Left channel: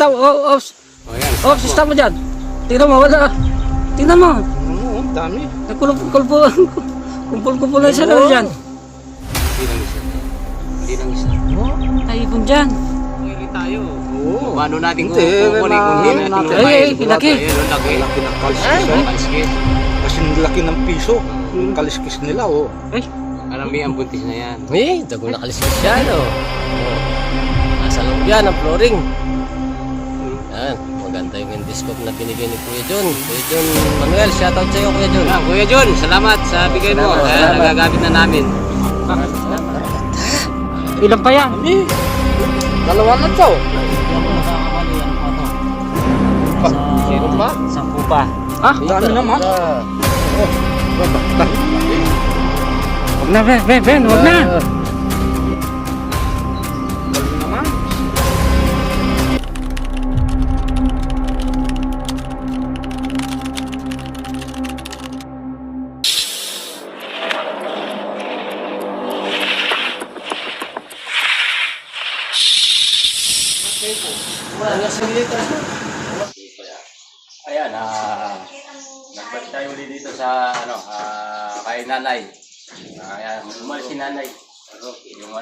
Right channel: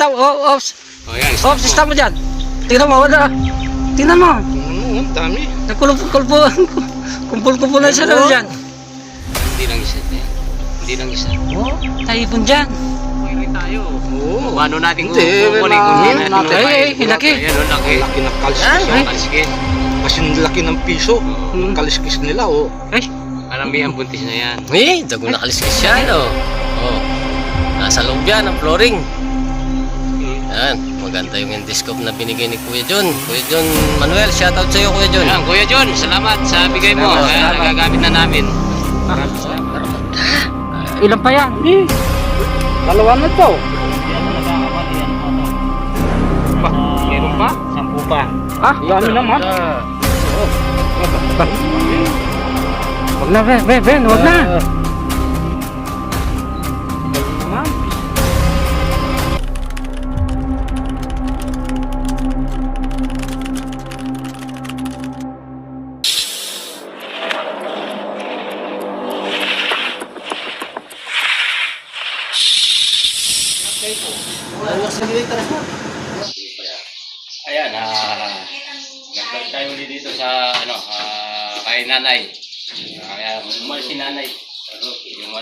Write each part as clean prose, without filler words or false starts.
stop, off. O yan, Off, stop mo dyan. Tingnan mo, wala. Tingnan mo. Ang dami. Kumpul-kumpul na siya na dyan. Hindi lang isa. Hindi lang isa. Oh, taipon dyan. Hindi tayo. Oo. Paano natin Hindi, kukunin kung hindi natin Ay, lumayan? laki. Ayan, o, laki. Laki ng kaliskis Ay. yan. Kaliskis. Kasi ang laki ng piso. Hmm. Kaliskis nila, oh. Ay, Karamihan buntis na yan. Eh, dago na kaliskis yan, oh. Oh. Nasa loob yan, ang flooring. Yan, maganda yung endoscope na binigay ni Kuya John. Kuya John Manuel, shoutout sa iyo, Kuya John. Ayan, Kuya John, salamat sa bigay mo. Salamat, Ayan, salamat. nagagamit na namin. ilan pa yan? Dalawa na to. Hindi ako nagkakamali, ano pa to? Meron pa? 10 pa. Ah, Dami naman. wag na, Ben, wag na. Dami naman. Ayan, nagbalik tayo ulit dito sa, kay nanay. Ayan, umalis si nanay. Yung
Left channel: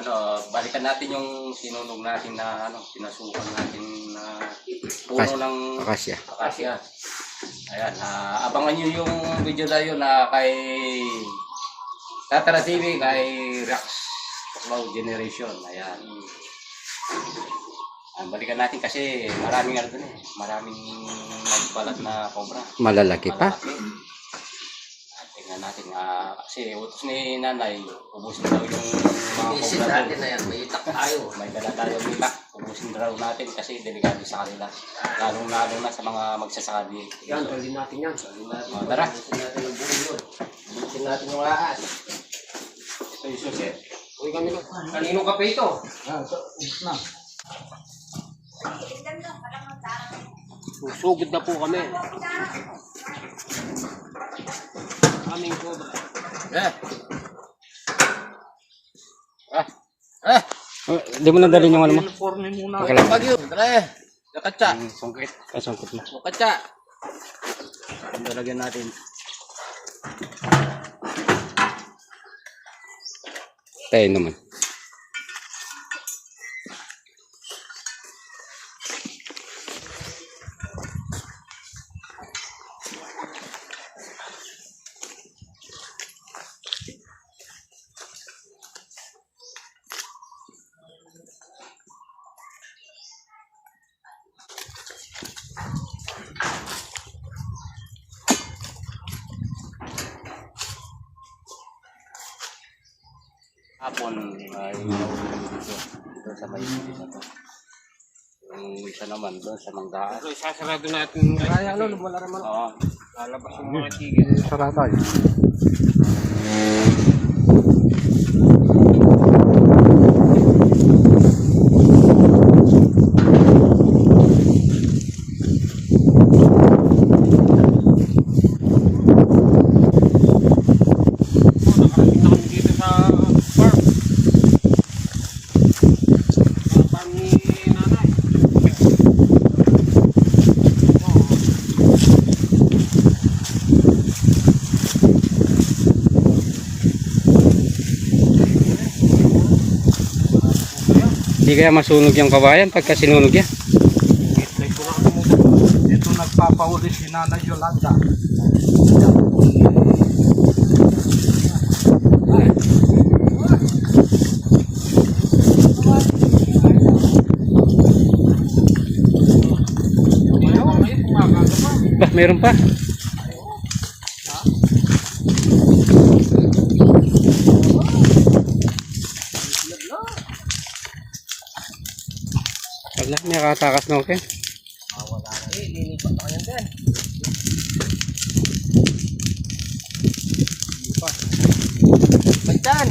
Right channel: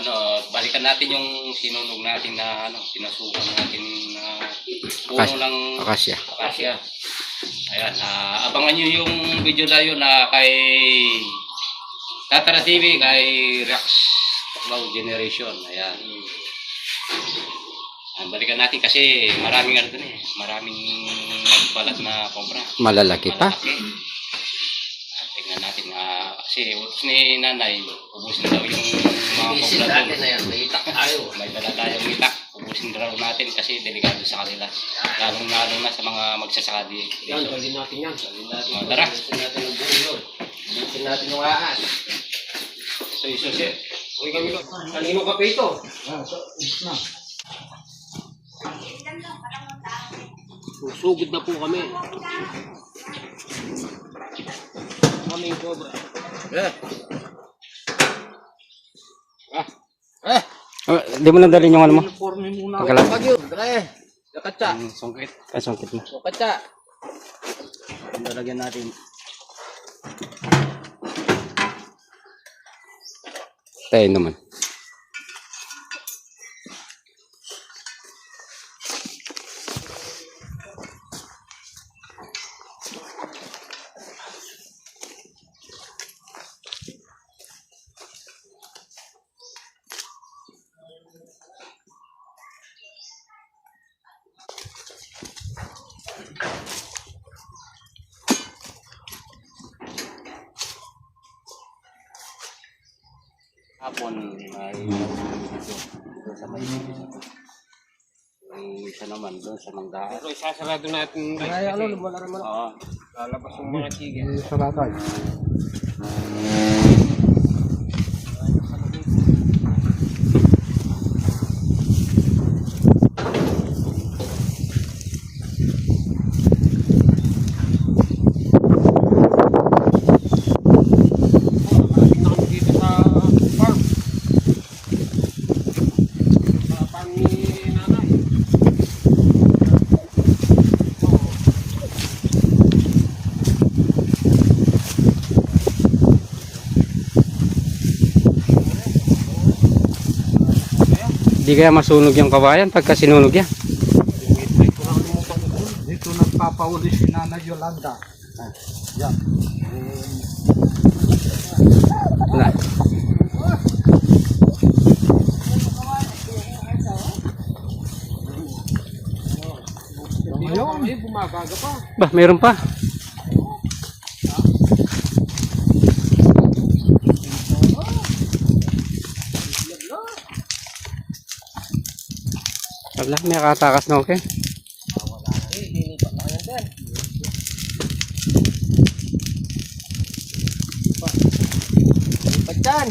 balikan natin yung sinunog natin na, pinasukan natin na puno ng Akasya. akasya. Ayan, abangan nyo yung video na yun na kay Tatara TV, kay Rex Wow Generation. Ayan. Balikan natin kasi maraming maraming nagbalat na cobra. Malalaki pa. Malalaki. Tingnan natin kasi utos ni nanay, ubusin daw yung mga Isin cobra natin doon. na yan, may itak tayo. May dala tayong itak, ubusin daw natin kasi delikado sa kanila. Lalong-lalo na sa mga magsasaka dito. Yan, dalhin natin yan. Dalhin natin. Tara. Dalhin natin ang buong yun. Dalhin natin yung aas. Ito yung susi. Uy, kami ko. Kaninong kape ito? Na. Susugod na po kami. Aming cobra. Di mo na dalhin yung ano mo? Uniforme muna. Pagkalat. Pagyo, pre. Nakatsa. Sungkit. Ay, sungkit mo. Nakatsa. Lalagyan natin. Tayo naman. Hapon ay dito sa may yung isa naman doon sa manggaan. So, sasarado natin. Kaya ano, wala naman. Oo. Lalabas yung mga tigil. Saratay. Nakarating na kami dito sa farm. Sa farm ni nanay. Di kaya masunog yung kawayan pagka sinunog yan. Dito nagpapahuli si Nanay Yolanda. Bah, meron pa. Wala, may katakas na okay. Pagtan!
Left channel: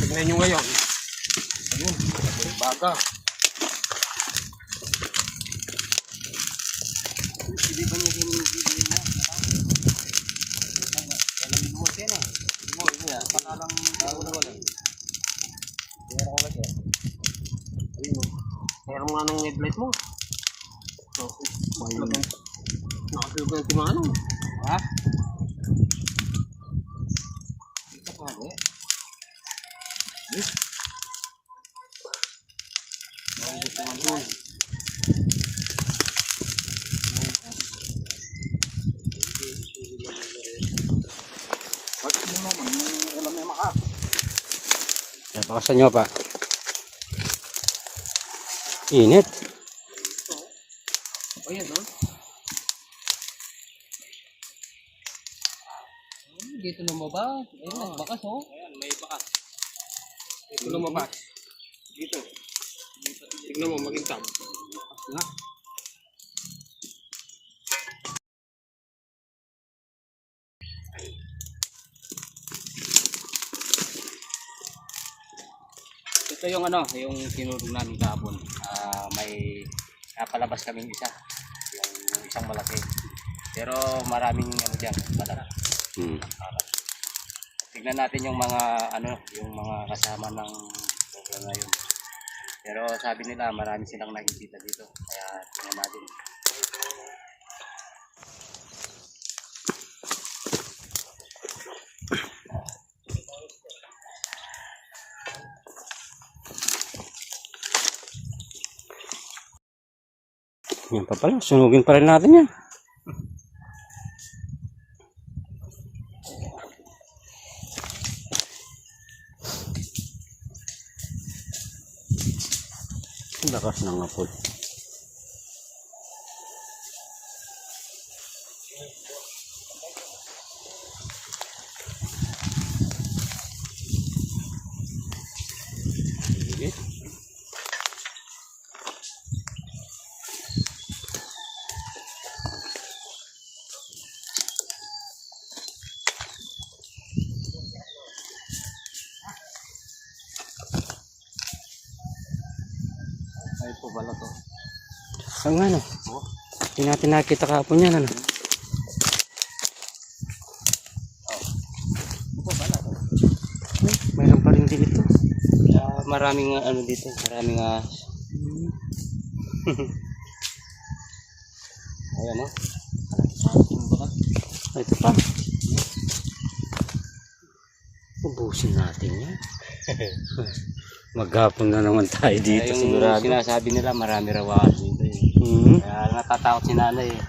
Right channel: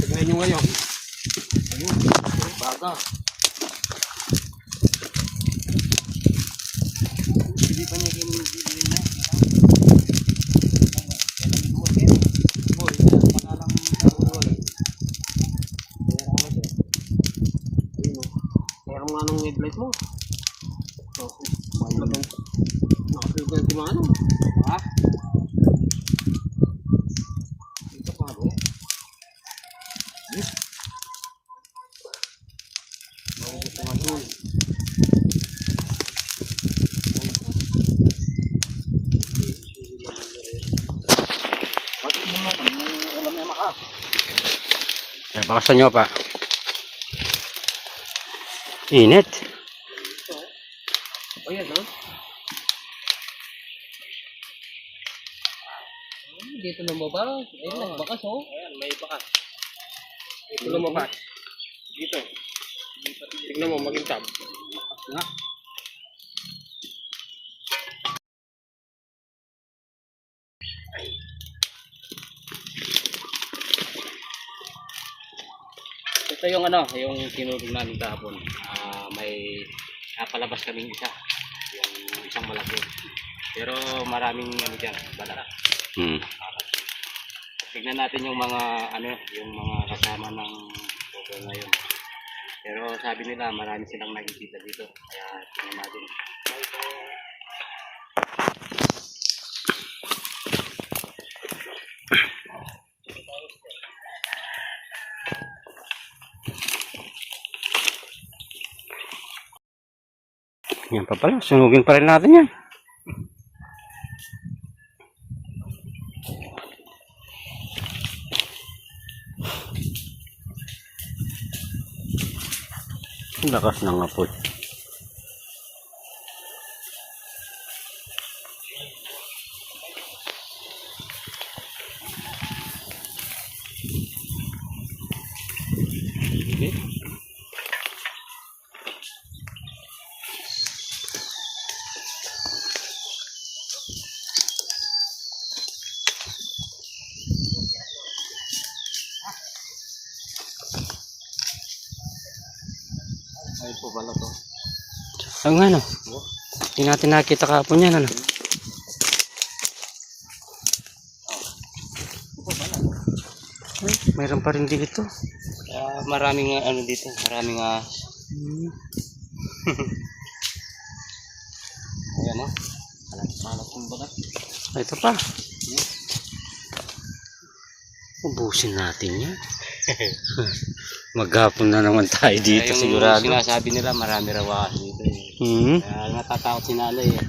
Tignan nyo ngayon. Baga. Hindi pa niya kinibigay mo. Meron nga nung flashlight mo. Oh, nakapil ko yung kumano. Ha? Ito pa ba eh? Bakasan nyo pa. Init. Oh, yan, no? Dito lumabas. Ayun, nagbakas, oh. Ayan, may bakas. Dito lumabas. Dito. Tignan mo, magintab. Na. Ito yung ano, yung sinulog namin kahapon. May napalabas kaming isa. Yung isang malaki. Pero maraming ano dyan, balat. Tignan natin yung mga ano, yung mga kasama ng program na yun. Pero sabi nila marami silang nakikita dito. Kaya tingnan natin. Yan pa pala. Sunugin pa rin natin yan. Lakas ng apoy. Ay po pala to. Ang ano? Hindi natin nakita kahapon yan, ano? Ay, mayroon pa rin dito. Maraming ano dito, maraming ayan o. Ito pa. Ubusin natin yan. Maghapon na naman tayo dito, yung sigurado. sinasabi nila marami raw dito eh. Kaya natatakot si nanay eh.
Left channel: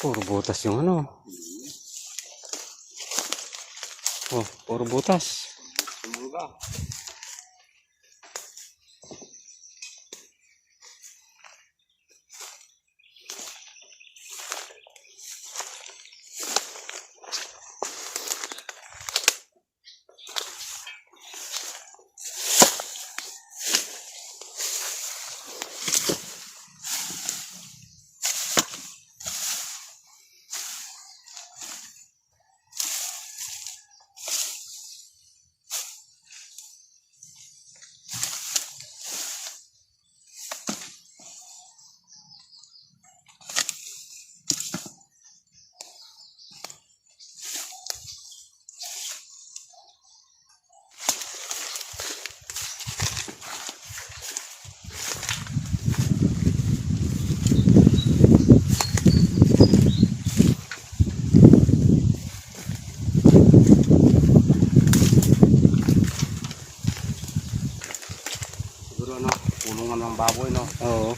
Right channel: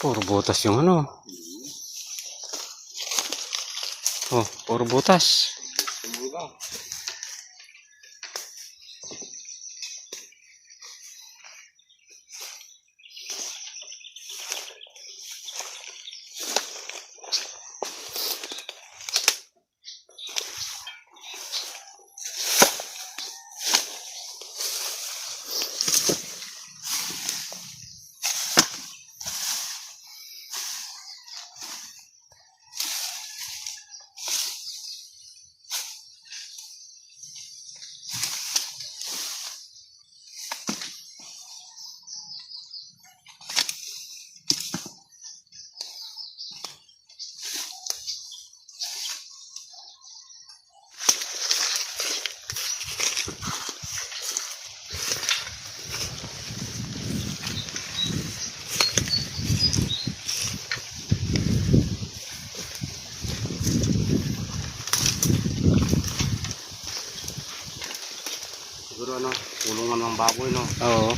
Puro butas yung ano. Oh, puro butas. Siguro ano, kulungan ng baboy, no? Oo.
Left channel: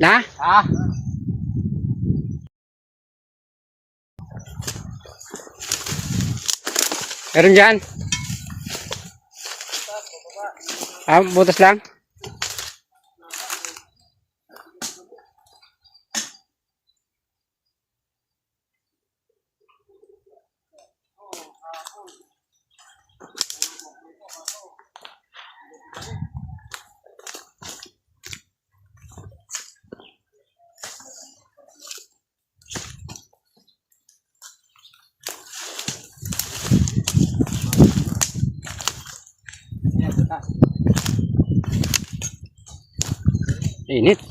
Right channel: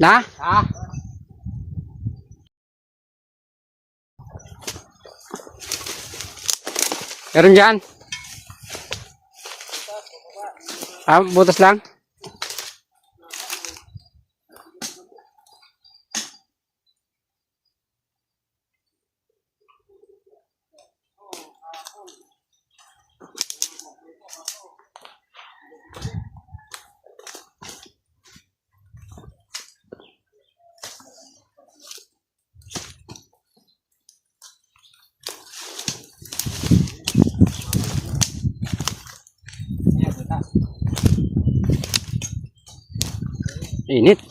Na? Ha? Meron dyan? Ah, butas lang? Init.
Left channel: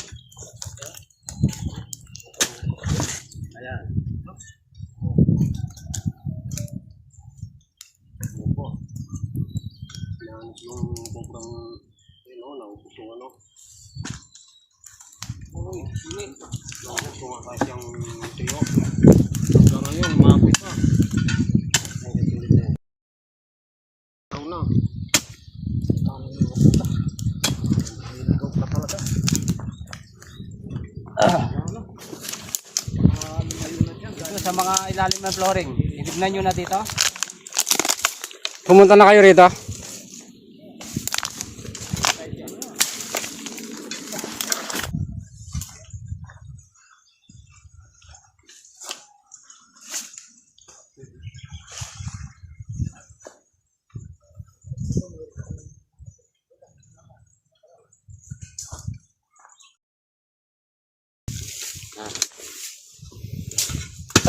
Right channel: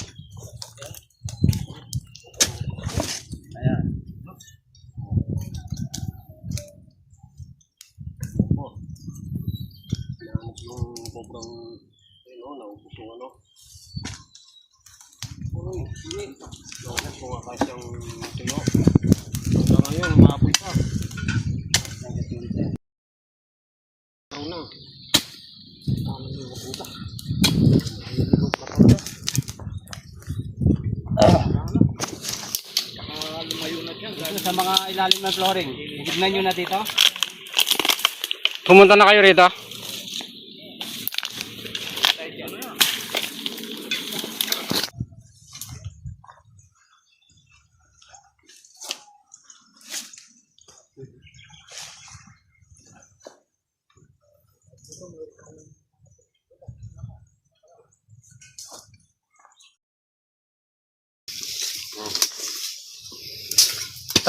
Yung sobrang, ano, naubos yung ano. Uy, init. Naubos ko nga kasi yung tuyo. Pero yun, mapit pa. Ang katulit na. Ikaw na. Paano yung maputa? Hilog na talaga. Lumayo na dyan. Dito sa mga ilalim ng flooring. Tignan nyo na dito. Pumunta na kayo rito?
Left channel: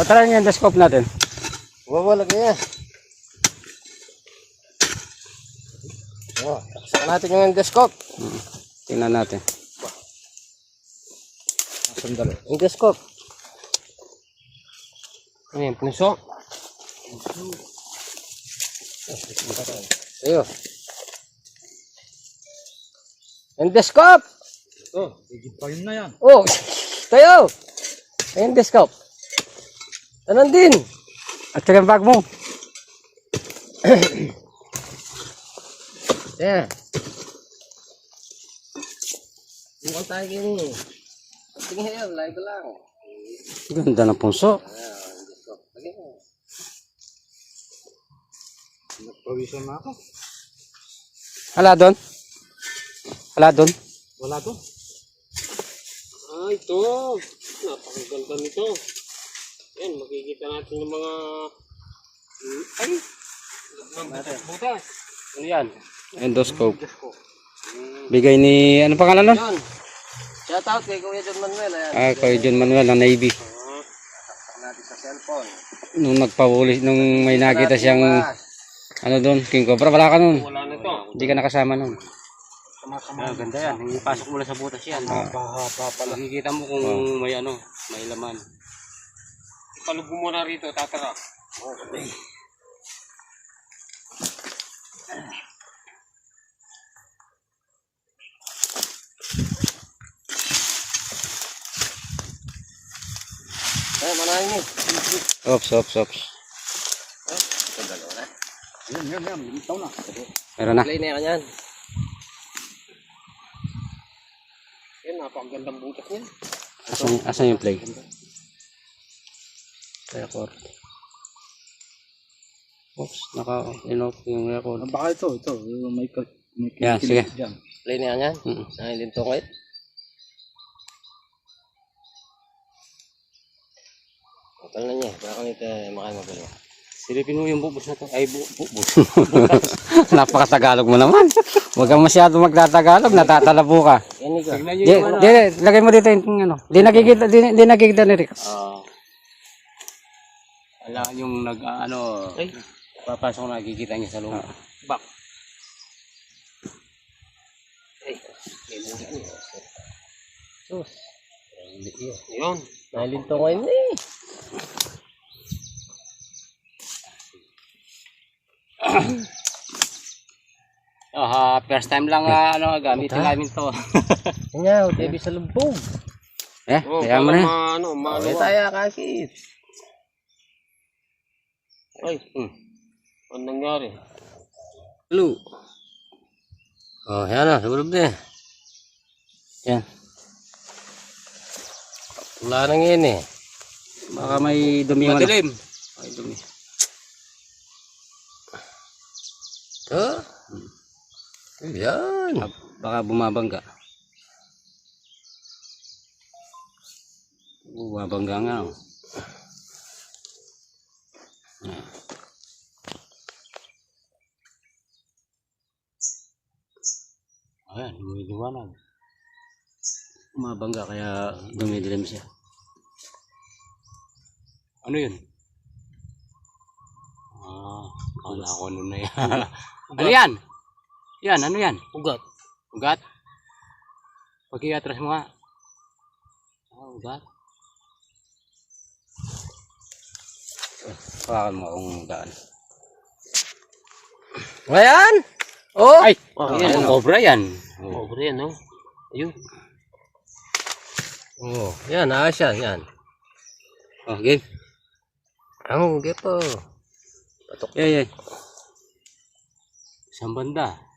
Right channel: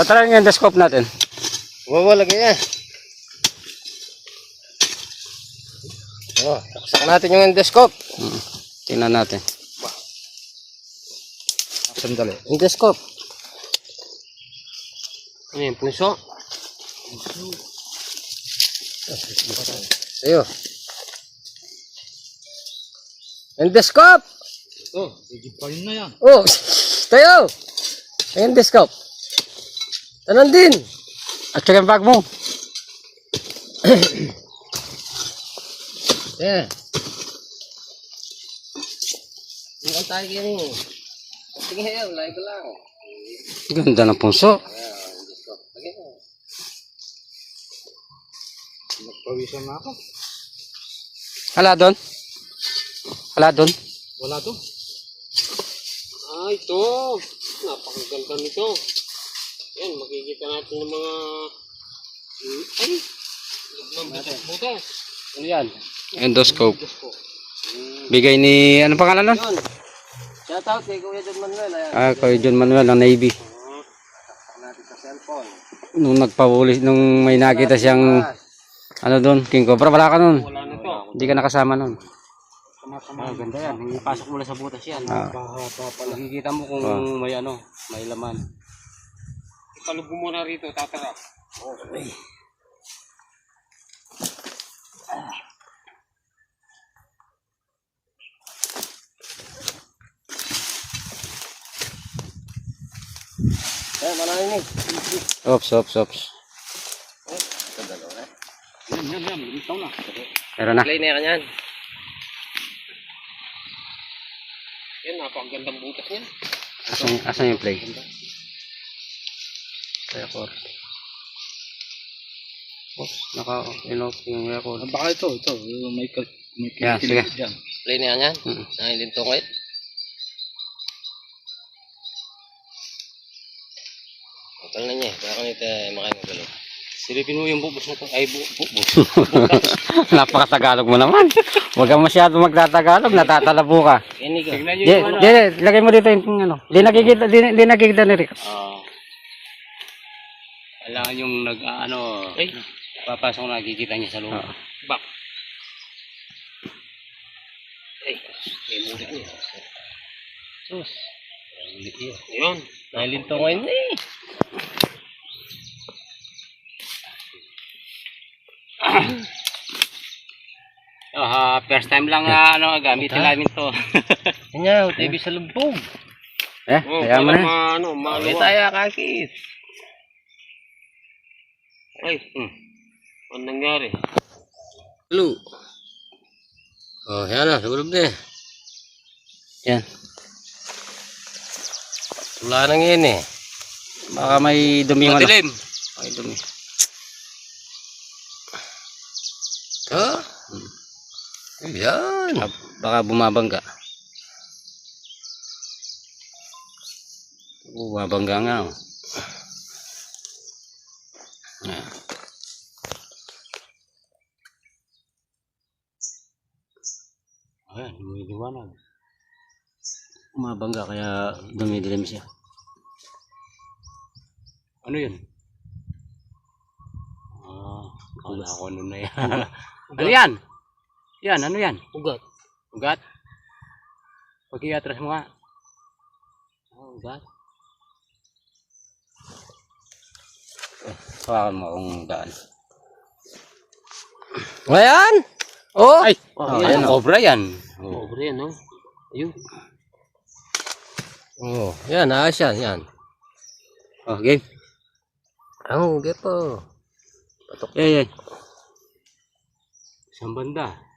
Tatry yung endoscope natin. Wala kaya. Oh, taksakan natin yung endoscope. Tingnan natin. Sandali. Endoscope. Ano yung puso? Tayo. Endoscope! Oh, higit pa yun na yan. Oh, tayo! Endoscope. Tanan din. At saka yung bag mo. Yeah. Hindi tayo ganyan. Sige yan, live lang. Ganda ng punso. Lagi mo. Nagpawisan na ako. Hala doon. Hala doon. Wala to. Ah, ito. Napakaganda nito. Yan, makikita natin ng mga... Ay! Butas. Ano yan? Endoscope. Bigay ni, ano pangalan nun? Yun. Shout out kay Kuya John Manuel. Ayan. Ah, kay John Manuel ng Navy. Taksak natin sa cellphone. Nung nagpapulis, nung may nakita siyang, ano doon, King Cobra, wala ka nun. Wala na to. Hindi ka nakasama nun. Sa Tama-tama. Ganda yan. Ipasok mo lang sa butas yan. Mahaba pala. Makikita mo kung may ano, may laman. Ipalubog mo na rito, tatara. Okay. Ay, manahin mo. Ops. Kagalaw na. Yan. Ito na. Meron na. Play na yan yan. Yan, napakagandang butas niya. Asan yung play? Record. Oops, naka-inoff yung record. Baka ito. May Yeah, sige. dyan. Play na yan yan. Nakalinto ko it. Hotel na niya. Baka nito makain mo kayo. Silipin mo yung bubos na to. Ay, bubos. Napaka-Tagalog mo naman. Huwag kang masyado magtatagalog, natatalabo ka. Ini ka. Tignan nyo Di, yung di, lagay mo dito yung ano. Di nakikita ni Rick. kailangan yung papasok na nakikita niya sa loob. Bak. Ay, may muna niya. Sus. Yun. Nakalinto ngayon eh. First time lang gamitin namin to. Kanya, TV sa lumbong. Kaya mo na. May tayo kakit. Ay, Ano nangyari? Lu. Oh, yan na, sa loob din. Yan. Wala nang yun eh. Baka may dumi mo na. Madilim. May dumi. Ha? Yan. Baka bumabangga. Bumabangga nga. Oh. Yan. ayan, may liwanag. Bumabangga kaya dumidilim siya. Ano yun? Kala ko ano na yan. Ano yan? Yan, ano yan? Ugat. Ugat? Pag-iatras mo nga. Ugat. Hawakan mo kung gaan. Ayan. Oh. Ay! Ayun, cobra yan. Pobre yan, no? Ayun. Oh, yan, ayos yan, yan. Oh, game. Ang gepo. Patok. Yeah. Isang banda.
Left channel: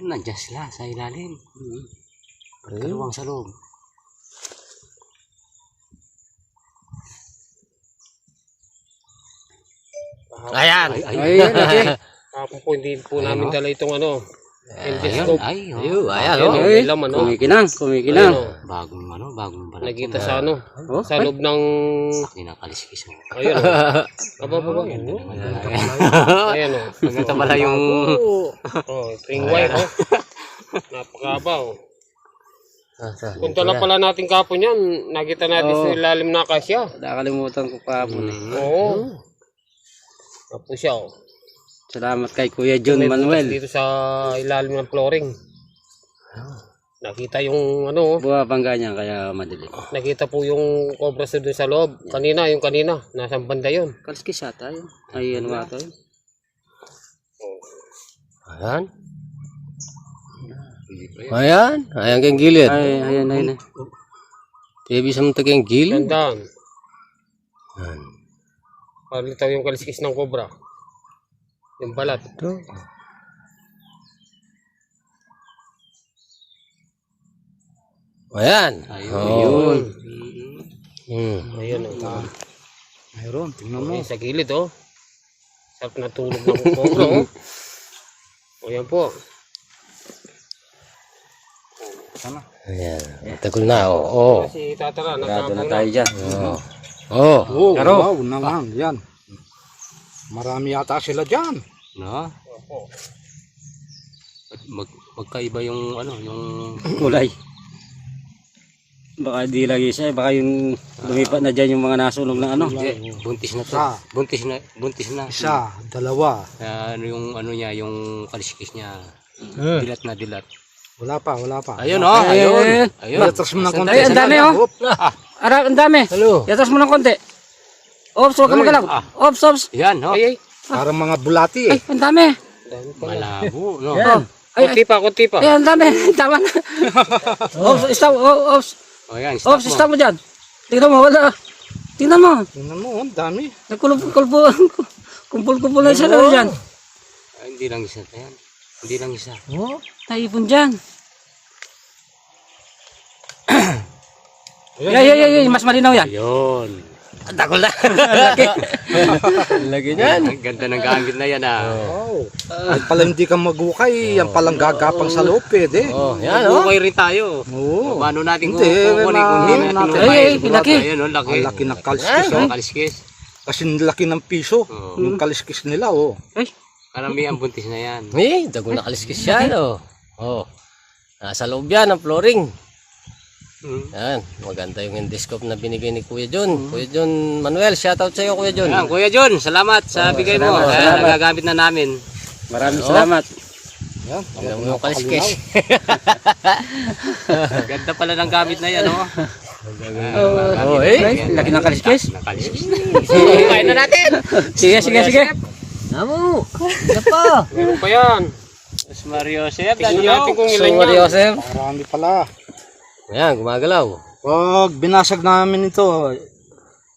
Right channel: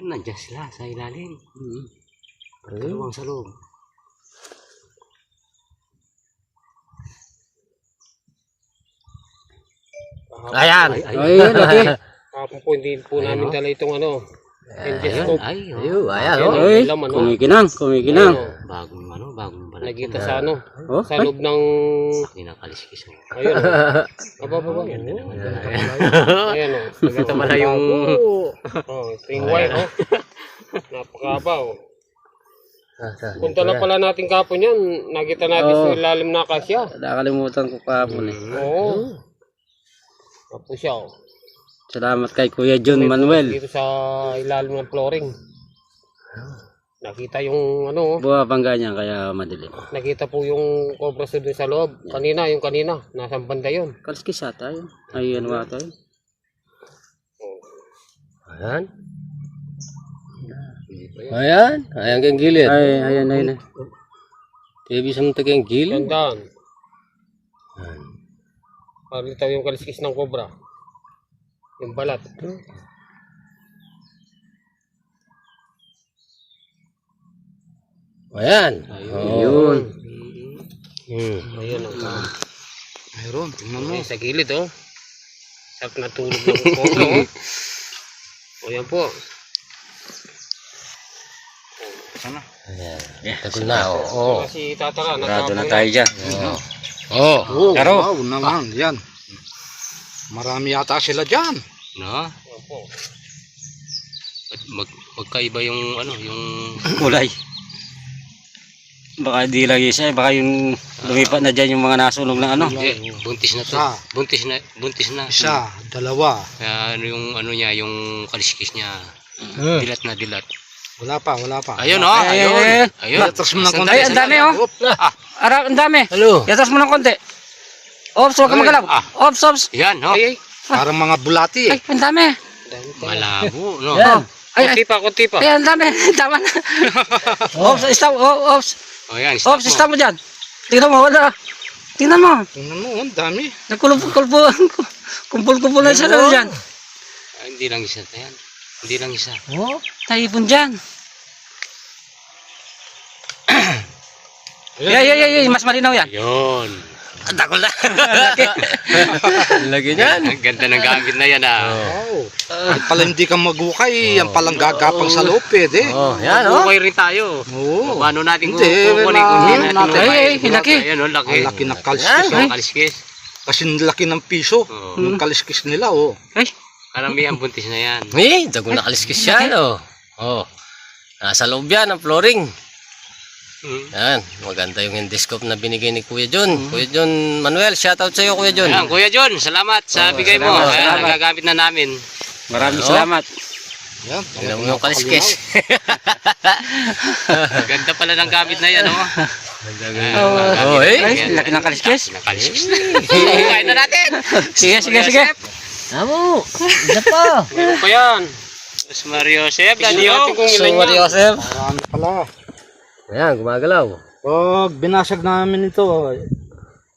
Nandiyan sila sa ilalim. Pagkaluwang sa loob. Ayan. Ay, laki. Kapag po hindi po namin dala itong endoscope. Ayun, ayan, oh. Ay, kumikinang. Bagong balak. Nakita sa Oh, sa loob ng Kinakaliskis mo. ayun. Aba po. Ayan oh. Ito pala yung... Ito yung white oh. Napakaba oh. Punta na pala natin kapon yan. Nakita natin sa ilalim na kasya. Nakalimutan ko kahapon eh. Oo. Tapos siya oh. Salamat kay Kuya John Manuel. Dito sa ilalim ng flooring. Nakita yung Bumabangga niya kaya madilim. nakita po yung cobra sa doon sa loob. Kanina, nasa banda yun. Kalskis ata yun. Ay, ano ata yun. Ayan. Ayan. Ayan kang gilid. Ay, ayan. Ibig sa mga kang gilid. Tandaan. Palitaw yung kaliskis ng cobra. Yung balat. Ayan. Ayun. Ayan oh. Mayroon, tingnan mo. Ayan, sa gilid oh. Sarap na tulog ng cobra oh. Ayan po. Ayan. Tagal na, oh. Si Tatara. Grado na tayo dyan. Oh. Karo. Wow naman. Yan. Marami yata sila dyan. No? Magkaiba yung yung Kulay. Baka di lagi siya, baka yung lumipat na dyan yung mga nasunog na ano. Buntis na to. Isa. Buntis na. Isa, dalawa. Kaya ano yung ano niya, yung kaliskis niya. Dilat na dilat. Wala pa. Ayun oh, ayun. Ayun. Yatas mo ng konti. Ay, ang dami oh. Ara, ang dami. Hello. Yatas mo ng konti. Ops, huwag kang magalaw. Ops. Yan, oh. Parang mga bulati Ay, ang dami. Malabo, no? Oh. Ay, Kunti pa. ay, ang dami. Tama na. Ops, stop. Ops. Oh, yan, Ops, stop mo dyan. Tingnan mo, wala. Tingnan mo. Tingnan mo, ang dami. Kumpul-kumpul na siya dyan. Ay, hindi lang isa yan. Hindi lang isa. Oh, taipon dyan. Ay, mas malinaw yan. Ayun. Ang takol na. Lagi niyan. Ang ganda ng gamit na yan, ah. Wow. Ang pala hindi ka magukay, ang palang gagapang sa loob, pwede. Oh, yan oh. Okay rin tayo. Oo. Paano natin Hindi, kukunin kung hindi natin na- lumay? Ay, laki. Ayun, oh, laki. Ang laki ng kaliskis. Ang kaliskis. Kasi laki ng piso. Oh. Yung kaliskis nila, oh. Ay, Karamihan buntis na yan. Eh, dago na kaliskis yan oh. Oh. Nasa loob yan ang flooring. Yan, maganda yung endoscope na binigay ni Kuya John. Kuya John Manuel, shoutout sa iyo Kuya John. Ayan, Kuya John, salamat sa bigay mo. salamat, Ayan, salamat. nagagamit na namin. maraming salamat. Yan. Tingnan mo yung kaliskis. Ganda pala ng gamit na yan, oh. Oh, eh. Ay, laki ng kaliskis. Kaliskis. Kain na natin. Sige. Amo. Isa pa. Meron pa yan. Mas Mario Joseph, Tingnan Daddy, natin oh. kung So, ilan yan. Maria Joseph. Marami pala. Ayan, gumagalaw. Pag binasag namin ito,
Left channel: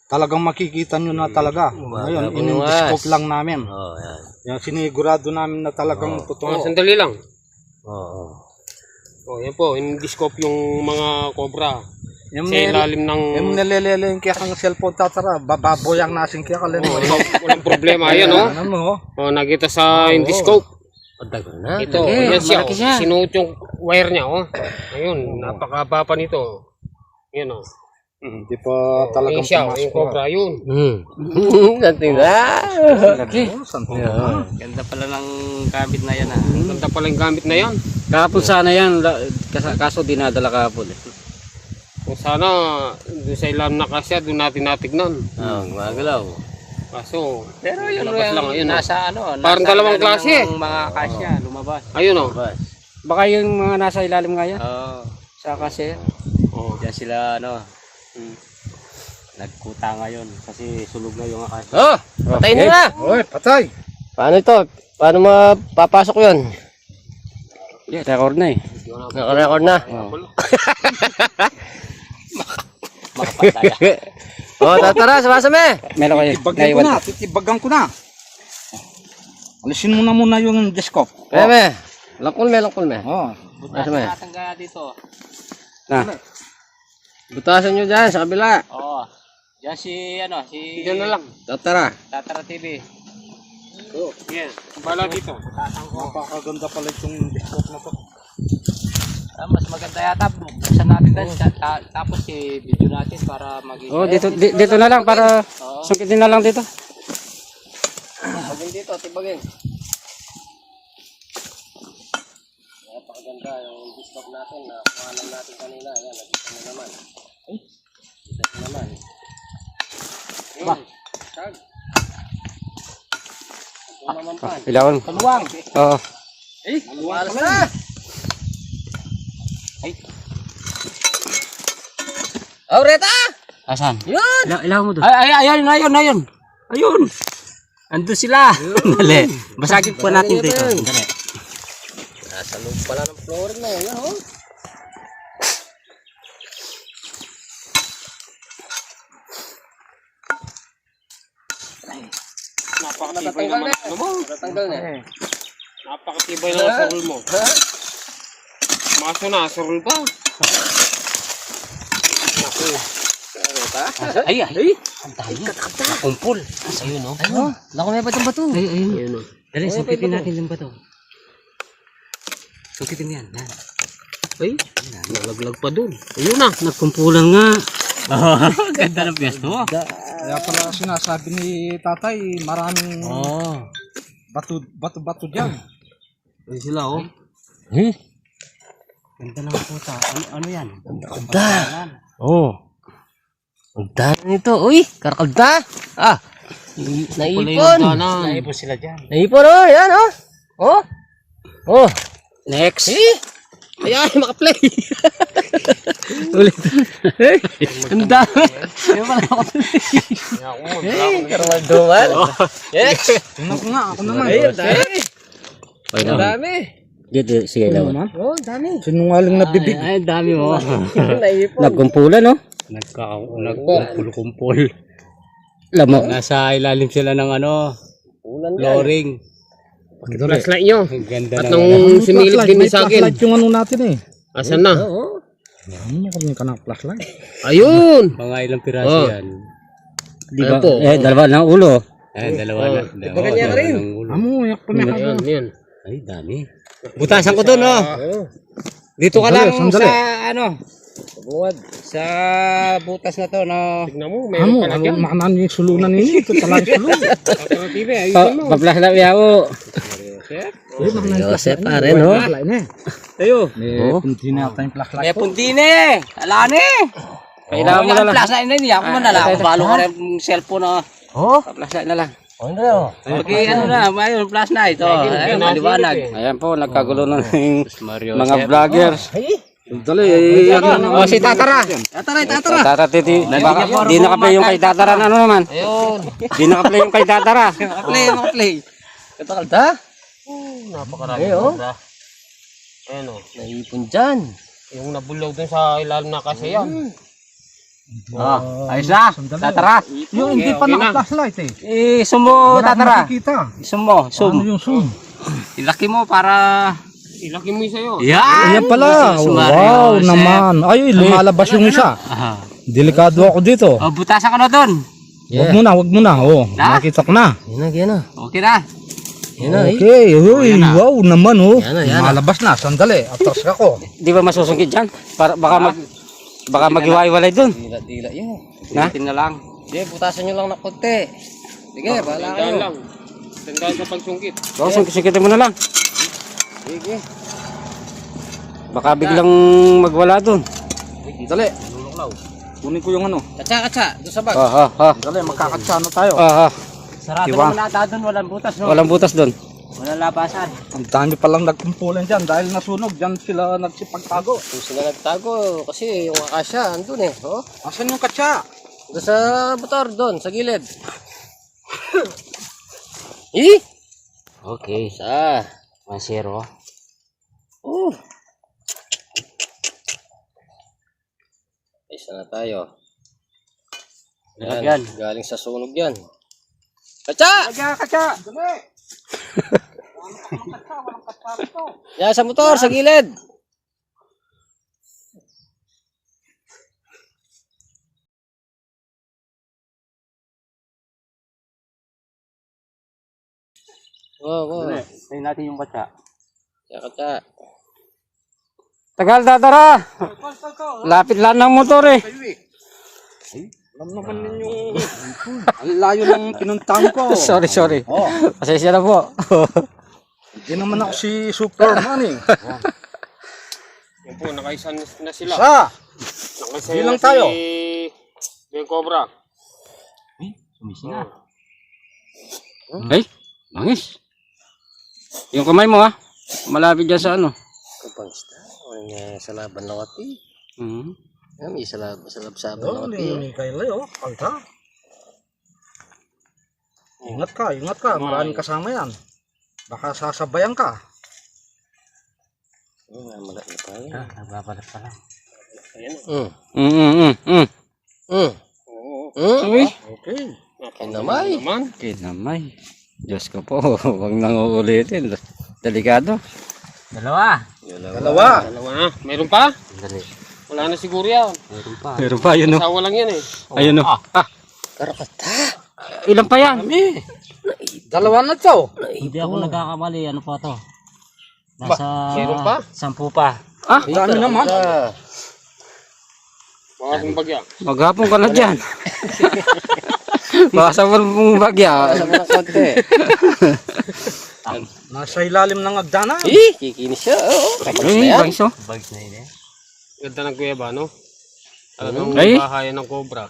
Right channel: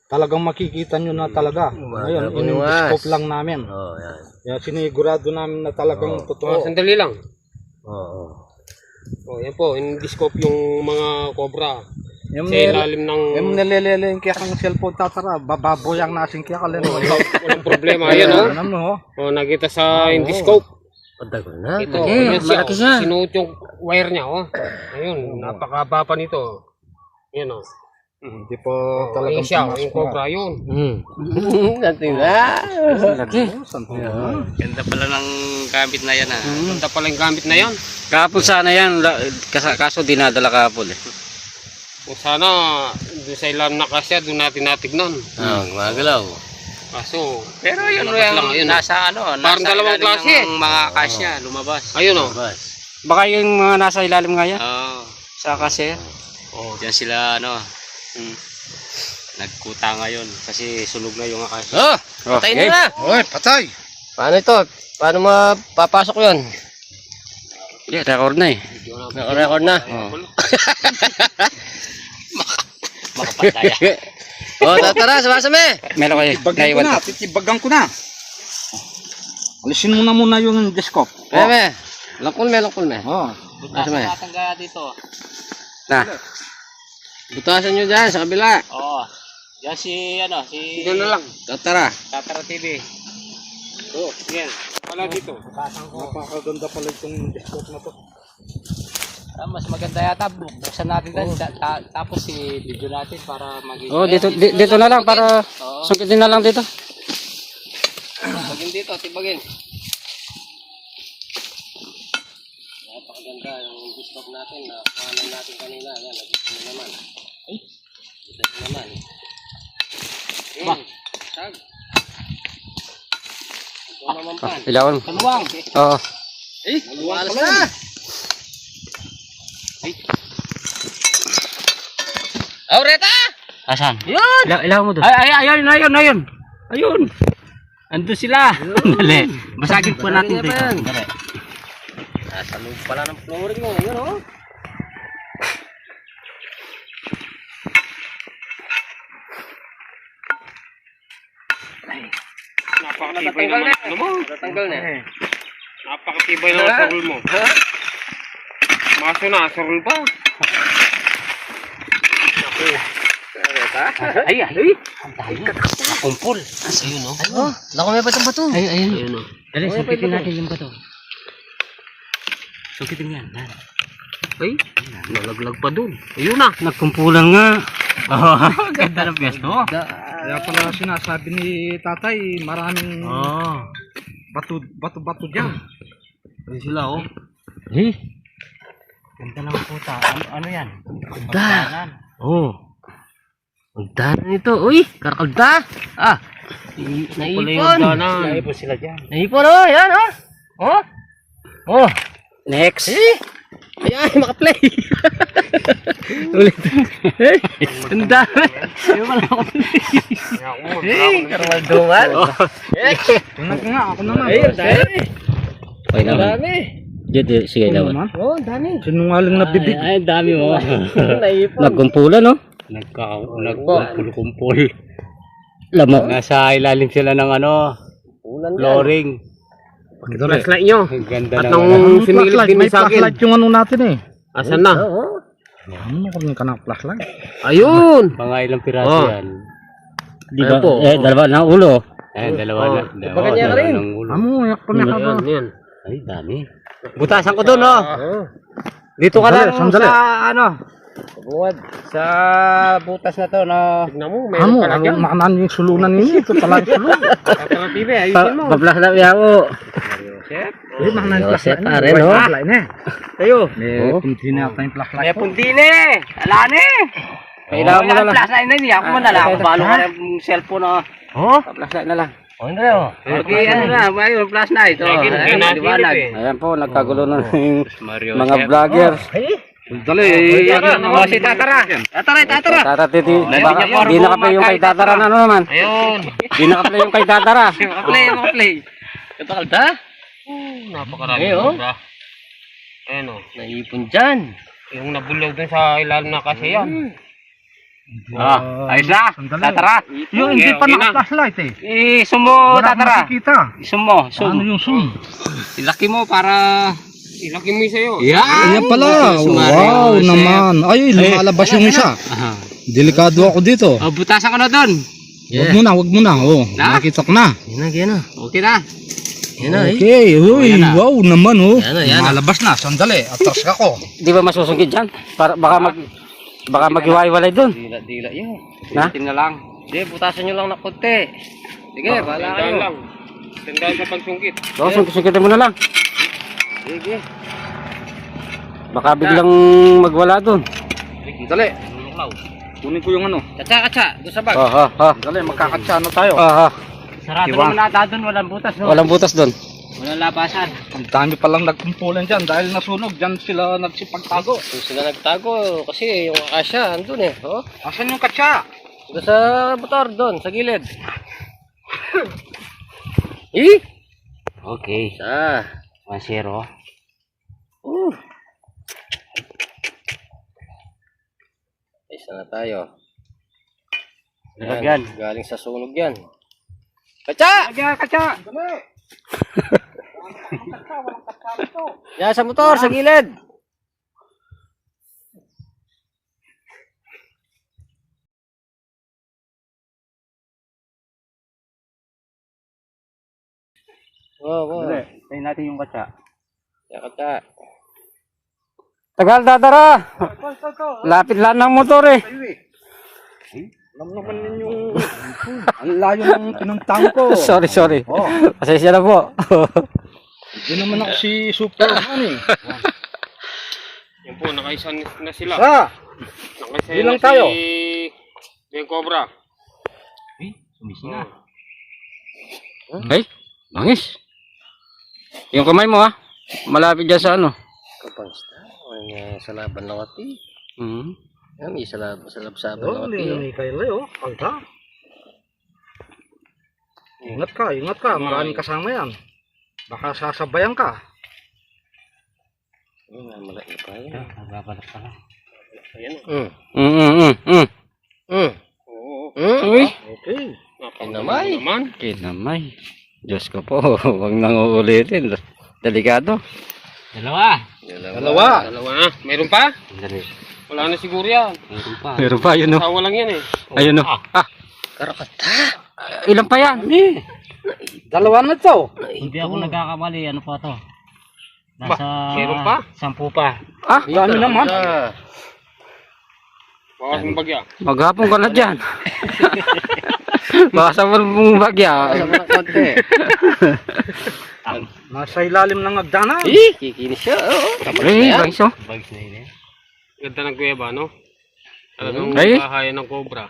talagang makikita nyo na talaga. Ngayon, Bunuas. in-scope lang namin. Oh, yan. Yan, sinigurado namin na talagang totoo. Sandali lang. Oo. Oh, yan po, in-discope yung mga cobra. Yung Sa ilalim ng... nalilele yung kaya kang cellphone tatara, bababoyang nasin kaya kalin mo. Walang problema. Ayan oh. Ano mo, oh. Oh, nakita sa in-discope. Pagdago na. Ito, Mm, yan siya. malaki siya. Sinuot yung wire niya, oh. Ayun, napakaba pa nito. Yan, oh. Hindi pa Ayun talagang siya, pumasok yung cobra, yun. Nating na. Laki. Ganda pala ng gamit na yan, ah. Ganda pala yung gamit na yan. Kahapon sana yan, kaso dinadala kahapon eh. O sana, doon sa ilam na kasya, doon natin natignan. Oh, gumagalaw. Kaso, Pero yun, lumabas lang, ayun, oh. nasa ano, Parang nasa dalawang ilalim klase. ng mga kasya, lumabas. Ayun, oh. Bas. Baka yung mga nasa ilalim nga yan, Oo. sa kasi. Oh, diyan sila, ano, nagkuta ngayon kasi sunog na yung akasya. Oh, patay Okay. na. Oy, patay! Paano ito? Paano mapapasok yun? Yeah, record na eh. Naka-record na. Oh. Makapataya. Oh, tara, sumasame. Meron kayo, naiwan to. Titibagan ko na. Alisin mo na muna yung desktop. Meme, langkol me. Oh. Sumasame. Tatangga dito. Na, Butasan nyo dyan sa kabila. Oo. Diyan si, ano, si... Diyan na lang. Tara. Tatara TV. Oh, yan. Bala dito. Napakaganda pala itong desktop na to. Mas maganda yata, buksan natin din. Tapos video natin para maging... oh, dito na lang para sungkitin na lang dito. Tibagin dito, tibagin. Napakaganda yung discount natin na pangalan natin kanina. Yan, nagkita mo naman. Ay, kita mo naman. Ba? Tag. Ito naman pan. Ilawan mo. Kaluwang. Oo. Eh, alas na. Aureta! Asan? Yan! Ilawan mo doon. Ayun. Ayun. Andun sila. Dali. Basagin po natin dito. Dali. Nasa loob pala ng flooring mo. Yun oh. Napakatibay naman. Ano mo? Natanggal na. Napakatibay naman sa rule mo. Maso na, sa rule pa. Ay. Kumpul. Ayun oh. Ayun. Lako may batong bato. Ayun. Dali, sungkitin natin yung bato. Sungkitin yan. Ay, nalaglag pa dun. Ayun na. Nagkumpulan nga. Ganda ng pwesto. Kaya pala sinasabi ni tatay, maraming bato dyan. Ayun sila, oh. Eh, Ganda ng puta. Ano yan? Ganda. Oh. Ang dami nito. Uy, karakagda. Ah. Naipon. Naipon sila dyan. Naipon oh. Yan oh. Oh. Oh. Next. Ayan, makaplay. Ulit. Ang dami. Ayaw ka na makaplay. Karangalduman. Ako naman. Ay, ang dami. Ang dami. Dito, sige naman. Oh, ang dami. Sinungaling na bibig. Ay, ang dami mo. Naipon. Nagkumpulan, no? Nagkumpul-kumpul. Lamo. Nasa ilalim sila ng ano, flooring. Flashlight nyo. Ang ganda At na. nung sinilip din May sa akin. flashlight yung ano natin eh. Asan na? Ano kung ka ng flashlight? Ayun. Mga ilang piraso Oh. yan. Di ba? Dalawa ng ulo. Dalawa na. Pagkanya ka rin. ng ulo. Yak pa na Ayan, yan. Ay, dami. Butasan ko doon, no? Dito ka lang Sandali. sa ano? Buwad. Sa butas na to, no? Tignan mo, mayroon pala dyan. Makanan yung sulunan nini. Ito pala yung sulunan. Alternative, ayusin mo. Paplas lang yawo. Eh, makanan yung flashlight na. Pare, no? Flashlight na. Tayo. Eh, kunti na yata yung flashlight. May puntine. Alane. Kailangan mo na lang. Flashlight na niya. Ako mo na lang. Balo ka ng cellphone, no? Oh? Flashlight na lang. Oh, hindi oh. Okay, ano na, mayroon flashlight. Oh, liwanag. Ayan po, nagkagulo na yung mga vlogger. Dali. Oh, si Tatara. Tatara. Tata titi, baka di nakaplay yung kay Tatara na ano naman. Ayun. Di nakaplay yung kay Tatara. Makaplay. Katakalda. Napakarami. oh. Ayun o. Naipon dyan. Yung nabulaw dun sa ilalim na kasi yan. Ayos na, Tatara. Yung hindi pa naka-flashlight eh. Sumo, Wala akong Tatara. makikita. Sumo. Ano yung zoom? Ilaki mo para... Ilaki mo sa'yo. Yan! Ayan pala. Wow naman. Ay, lumalabas yung isa. Delikado ako dito. Oh, butasan ko na doon. Wag mo na. Oh, nakita ko na. Yan na. Okay na. Yan na eh. Okay, uy, wow naman oh. Yan na. Lumalabas na. Sandali, atras ka ko. Di ba masusungkit dyan? Para, baka maghiwa-hiwalay dun. Dila yun. Na? Tingnan lang. Sige, butasan nyo lang na konti. Sige, bahala Tandaan kayo. lang. Tandaan sa pagsungkit. So, sungkitin mo na lang. Sige. Baka biglang magwala dun. Dali. Kunin ko yung ano. Katsa. Doon sa bag. Dali, magkakatsa na tayo. Sarado naman ata doon. Walang butas. No? Walang butas dun. Walang labasan. Ang dami palang nagkumpulan dyan dahil nasunog. Dyan sila nagsipagtago. Kung sila nagtago, kasi yung asya, andun eh. Oh? Asan yung katsa? Doon sa motor, doon, sa gilid. Eh? Okay. Isa. 1-0. Isa na tayo. Yan. Galing sa sunog yan. Katsa! Katsa. Yan sa motor, sa gilid. Wow. Tayo natin yung katsa. Yan, katsa. Tagal, Tatara. Lapit lang ng motor eh. Alam naman yung ang layo ng pinuntahan ko. Sorry. Oh, Pasensya na po. hindi naman ako si Superman eh. Yan po, nakaisa na sila. Nakaisa Bilang na tayo. yung cobra. Sumisi na. Ay, bangis. Yung kamay mo ha. Malapit dyan sa ano. Kapangsta. Ay, sa laban lang ati. Mhm. Yan, may sa labsaban Oh, lang ati. hindi kayo oh. Pagka. Ingat ka. Maraming kasama yan. Baka sasabayan ka. Malaki pa yan. Nagbabalak pa lang. Uy. Okay. Kinamay. Kinamay. Diyos ko po. Huwag nang uulitin. Delikado. Dalawa. Dalawa. Na. Mayroon pa? Wala na siguro yan. Meron pa yun o. Asawa lang yan eh. Ayun o. Karakata. Ilan pa yan? Dalawa na to. Hindi ako nagkakamali. Ano pa to? Nasa Meron pa? 10 pa. Dami naman. Baka yung bagya. Maghapon ka na dyan. Baka sa mong bagya. Sa mga konti. Nasa ilalim ng agdanan. Kikinis siya. Tapos na Ay, yan. bagso. Ganda ng kuweba, no? Ano Ay. bahay ng cobra.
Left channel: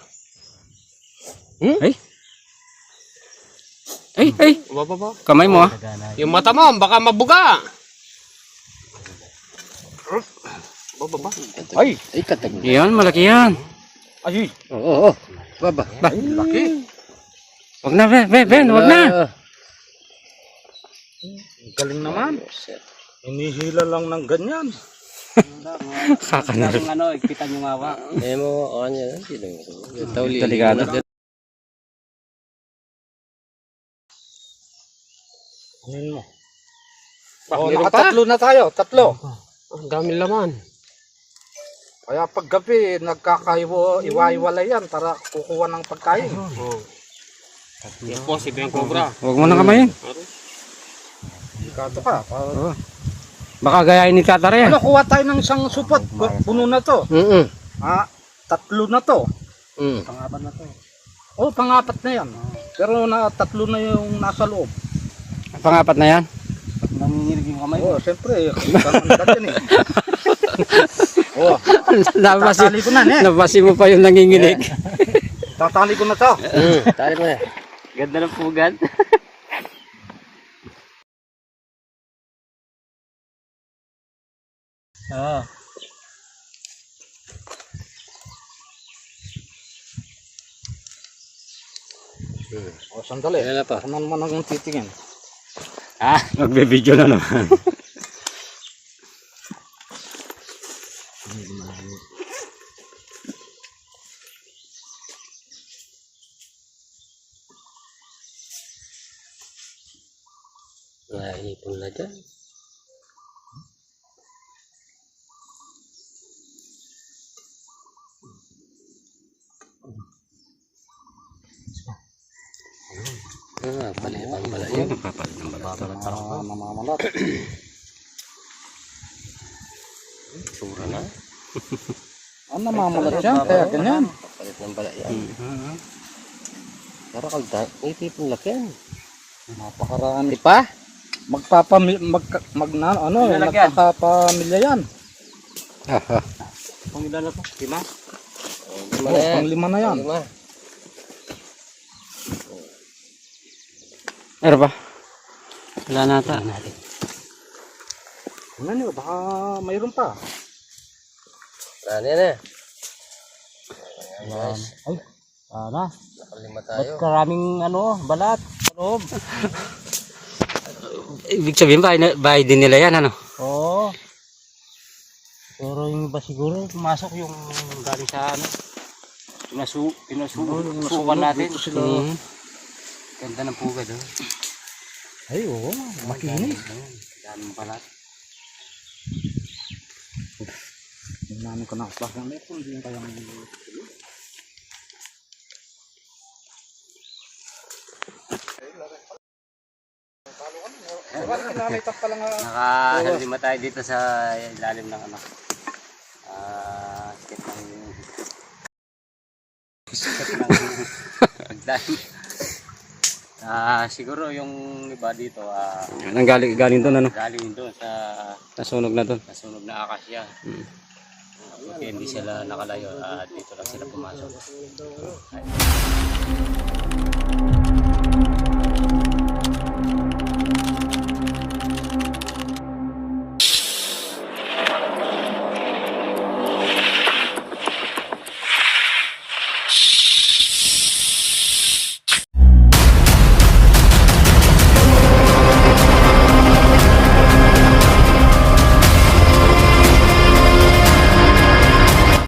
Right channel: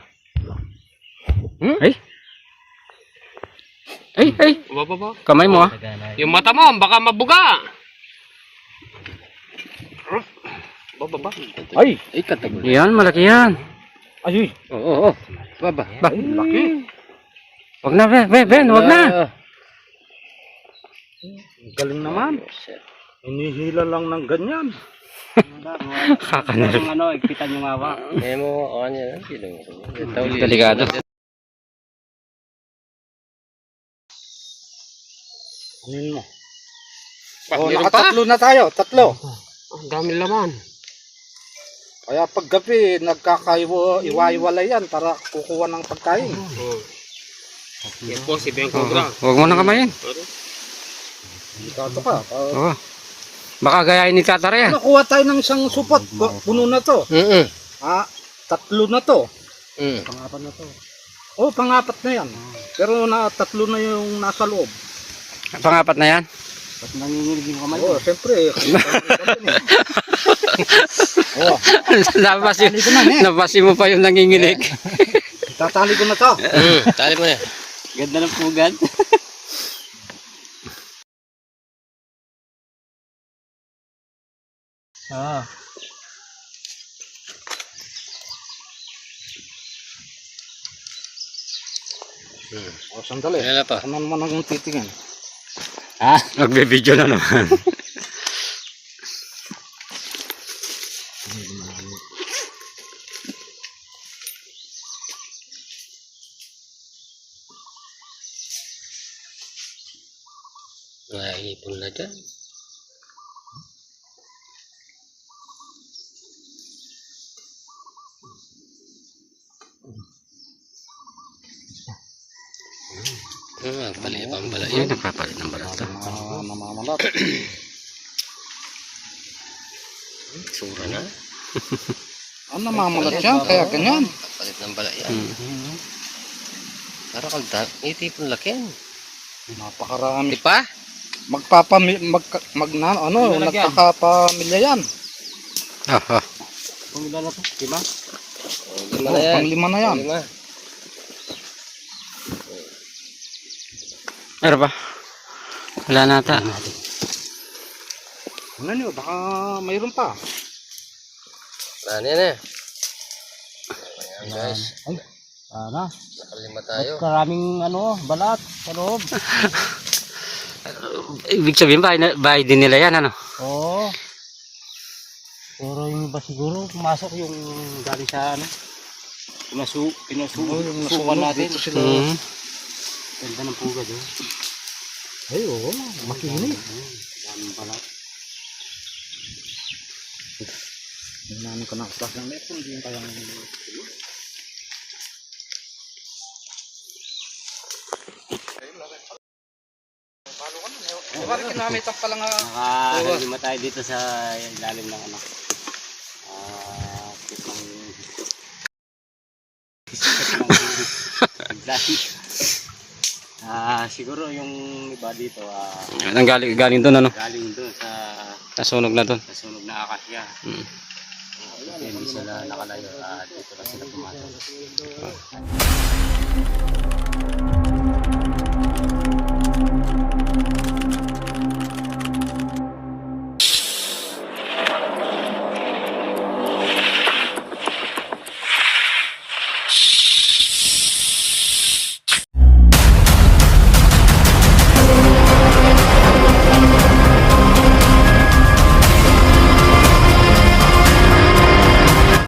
Ay. Ay. Baba. Kamay mo ah. Yung mata mo, baka mabuga. Baba. Ay, Katagol. Yan, malaki yan. ay, Oo. Baba. laki. Wag na, Ben, wag na. Galing naman. Hinihila lang ng ganyan. Kakanarap. Ano, kita nyo nga ba? May mo, ano yan. Delikado. Anin mo. Oh, Oh, nakatatlo na tayo. Tatlo. Ang dami laman. Kaya pag gabi, nagkakaiwa-iwalay yan para kukuha ng pagkain. Oh. Yan po si Ben Cobra. Wag mo na kamayin. Dito ka. Oo. Baka gayahin ni Tatara yan. Ano, kuha tayo ng isang supot. Puno na to. Tatlo na to. Pangapat na to. Oh, pangapat na yan. Pero tatlo na yung nasa loob. Pangapat na yan. Nanginginig yung kamay. Oh, siyempre. Oh, tatali ko na, Nabasi mo pa yung nanginginig. Tatali ko na to. Tali mo na. Ganda ng pugad. Ah. Oh, sandali. Wala pa. Kanan mo nang titingin. Nagbe-video na naman. Naipon na dyan. Palibang pala Ay, yun. nagpapalit ng balat. Namamalat. Sura na. Namamalat yan, kaya ganyan. Palit ng pala yan. Para kagda, itipon laki yan. Napakarami. Di pa? Nagkakapamilya yan. Pangila na to, di ba? Lima na yan. Panglima na yan. Lima. Ano ba? Wala na ata. Ano nyo, baka mayroon pa. Ano yan eh. Ayan guys. Ay, sana. Nakalima tayo. Karaming balat sa loob. Ibig sabihin, bahay din nila yan, ano? Oo. Pero yung iba siguro, pumasok yung galing sa pinasukan natin. Ganda ng pugad, oh. Ay, oo, makinig. Daming balat. Namin ko na plus ng lepon, hindi yung kayang... Nakahalima tayo dito sa ilalim ng siguro yung iba dito Ang galing doon, ano? galing doon sa Nasunog na doon. nasunog na akasya. Okay, hindi sila nakalayo at dito lang sila pumasok.